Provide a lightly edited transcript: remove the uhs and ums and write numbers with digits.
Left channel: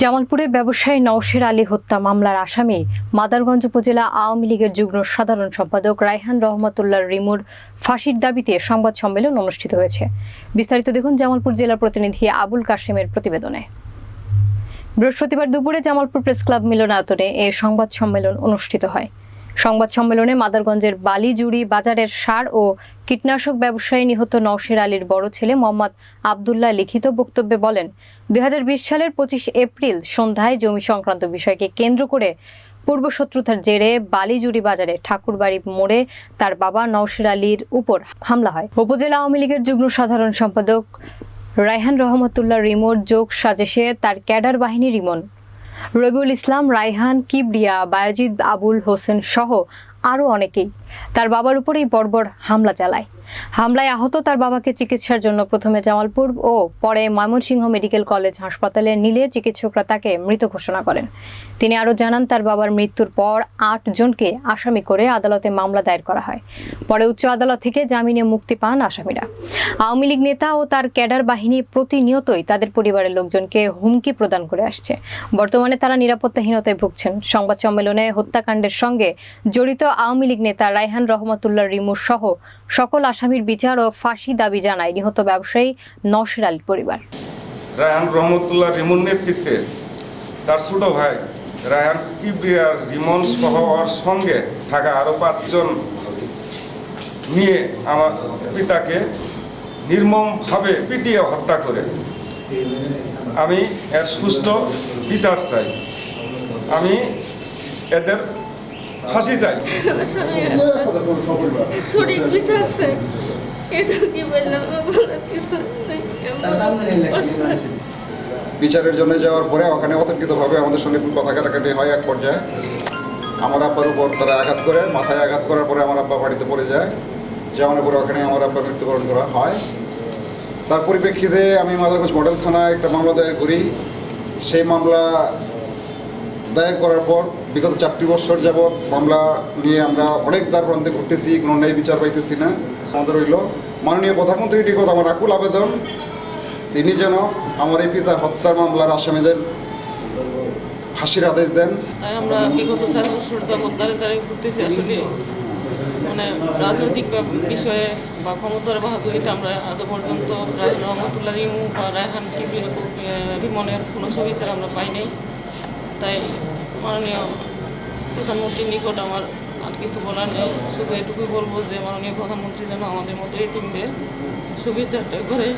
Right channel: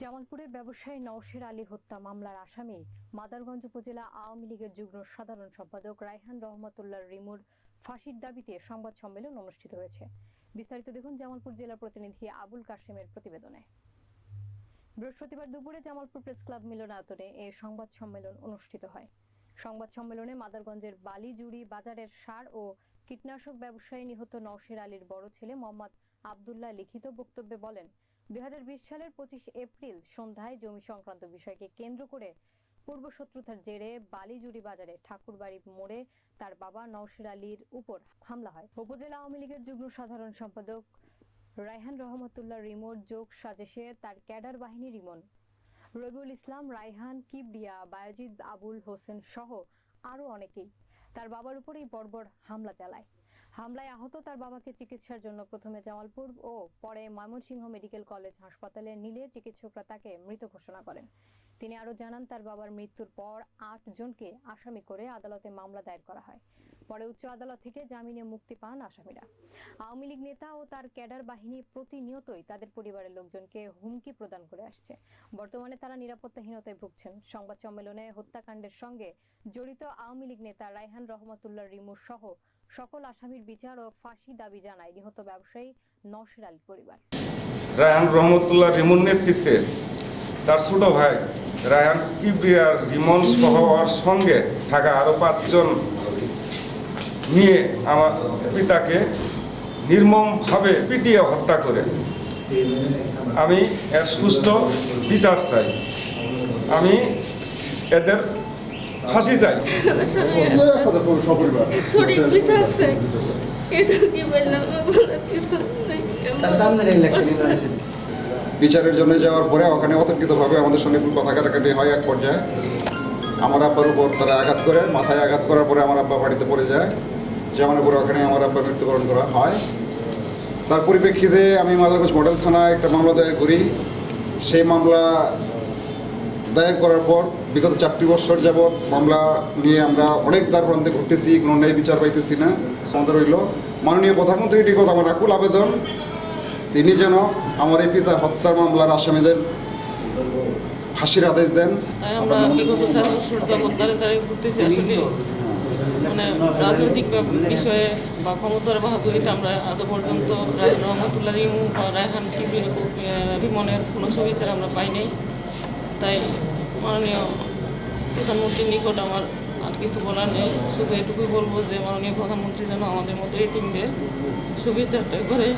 জামালপুরে ব্যবসায়ী নওশের আলী হত্যা মামলার আসামি মাদারগঞ্জ উপজেলা আওয়ামী লীগের যুগ্ম সাধারণ সম্পাদক রায়হান রহমতুল্লাহ রিমুর ফাঁসির দাবিতে সংবাদ সম্মেলন অনুষ্ঠিত হয়েছে। বিস্তারিত দেখুন জামালপুর জেলা প্রতিনিধি আবুল কাশেমের প্রতিবেদনে। বৃহস্পতিবার দুপুরে জামালপুর প্রেস ক্লাব মিলনায়তনে এ সংবাদ সম্মেলন অনুষ্ঠিত হয়। সংবাদ সম্মেলনে মাদারগঞ্জের বালিজুড়ি বাজারের সার ও কীটনাশক ব্যবসায়ী নিহত নওশের আলীর বড় ছেলে মোহাম্মদ আবদুল্লাহ লিখিত বক্তব্যে বলেন, ২০২০ সালের ২৫ এপ্রিল সন্ধ্যায় জমি সংক্রান্ত বিষয়কে কেন্দ্র করে পূর্বশত্রুতার জেরে বালিজুড়ি বাজারে ঠাকুরবাড়ি মোড়ে তার বাবা নওশের আলীর উপর হামলা হয়। উপজেলা আওয়ামী লীগের যুগ্ম সাধারণ সম্পাদক রায়হান রহমতুল্লাহ রিমোর যোগ সাজেশে তার ক্যাডার বাহিনী রিমন, রবিউল ইসলাম, রায়হান, কিবরিয়া, বায়াজিদ, আবুল হোসেন সহ আরও অনেকেই তার বাবার উপর এই বর্বর হামলা চালায়। হামলায় আহত তার বাবাকে চিকিৎসার জন্য প্রথমে জামালপুর ও পরে ময়মনসিংহ মেডিকেল কলেজ হাসপাতালে নিলে চিকিৎসকরা তাকে মৃত ঘোষণা করেন। তিনি আরও জানান, তার বাবার মৃত্যুর পর ৮ জনকে আসামি করে আদালতে মামলা দায়ের করা হয়। পরে উচ্চ আদালত থেকে জামিনে মুক্তি পান আসামিরা। আওয়ামী লীগ নেতা ও তার ক্যাডার বাহিনী প্রতিনিয়তই তাদের পরিবারের লোকজনকে হুমকি প্রদান করে আসছে। বর্তমানে তারা নিরাপত্তাহীনতায় ভুগছেন। সংবাদ সম্মেলনে হত্যাকাণ্ডের সঙ্গে জড়িত আওয়ামী লীগ নেতা রায়হান রহমতুল্লাহ রিমু সহ সকল আসামির বিচার ও ফাঁসি দাবি জানায় নিহত ব্যবসায়ী নওশের আলীর পরিবার। রায়হান রহমতুল্লাহ রিমুর নেতৃত্বে তার ছোট ভাই রায়হান কিবরিয়ার রিমন সহ ওর সঙ্গে থাকা আরও 5 জন নিয়ে আমার পিতাকে নির্মমভাবে পিটিয়ে হত্যা করে। আমি এর সুষ্ঠু বিচার চাই, আমি এদের ফাঁসি চাই। সঠিক বিচার চাই, এটা কি বললাম বিচারের জন্য যাওয়ার পরে ওখানে অতর্কিতভাবে আমাদের সঙ্গে কথা কাটাকাটি হয়। এক পর্যায়ে আমার আব্বার উপর তারা আঘাত করে, মাথায় আঘাত করার পরে আমার আব্বা বাড়িতে পড়ে যায়। যেমন পরে ওখানে আমার আব্বা মৃত্যুবরণ করা হয়। তার পরিপ্রেক্ষিতে আমি মাদারগঞ্জ মডেল থানায় একটা মামলা দায়ের করি। সেই মামলা দায়ের করার পর বিগত 4টি বছর যাবৎ মামলা নিয়ে আমরা অনেক দ্বার প্রান্তে ঘুরতেছি, কোনো ন্যায় বিচার পাইতেছি না। আমাদের হইল মাননীয় প্রধানমন্ত্রীর নিকট আমার আকুল আবেদন, তিনি যেন আমার এই পিতা হত্যার মামলার আসামিদের ফাঁসির আদেশ দেন। আমরা বিগত 4 বছর যাবৎ দাঁড়িয়ে ঘুরতেছি। আসলে মানে রাজনৈতিক বিষয়ে বা ক্ষমতার বাহাদুরিতে আমরা আজ পর্যন্ত রায়হান রহমতুল্লাহ রিমু বা রায়হান রিমনের কোনো সুবিচার আমরা পাই নাই। তাই মাননীয় প্রধানমন্ত্রীর নিকট আমার আর কিছু বলার নেই, শুধু এটুকুই বলবো যে মাননীয় প্রধানমন্ত্রী যেন আমাদের মতো এতিমদের সুবিচারটা করে।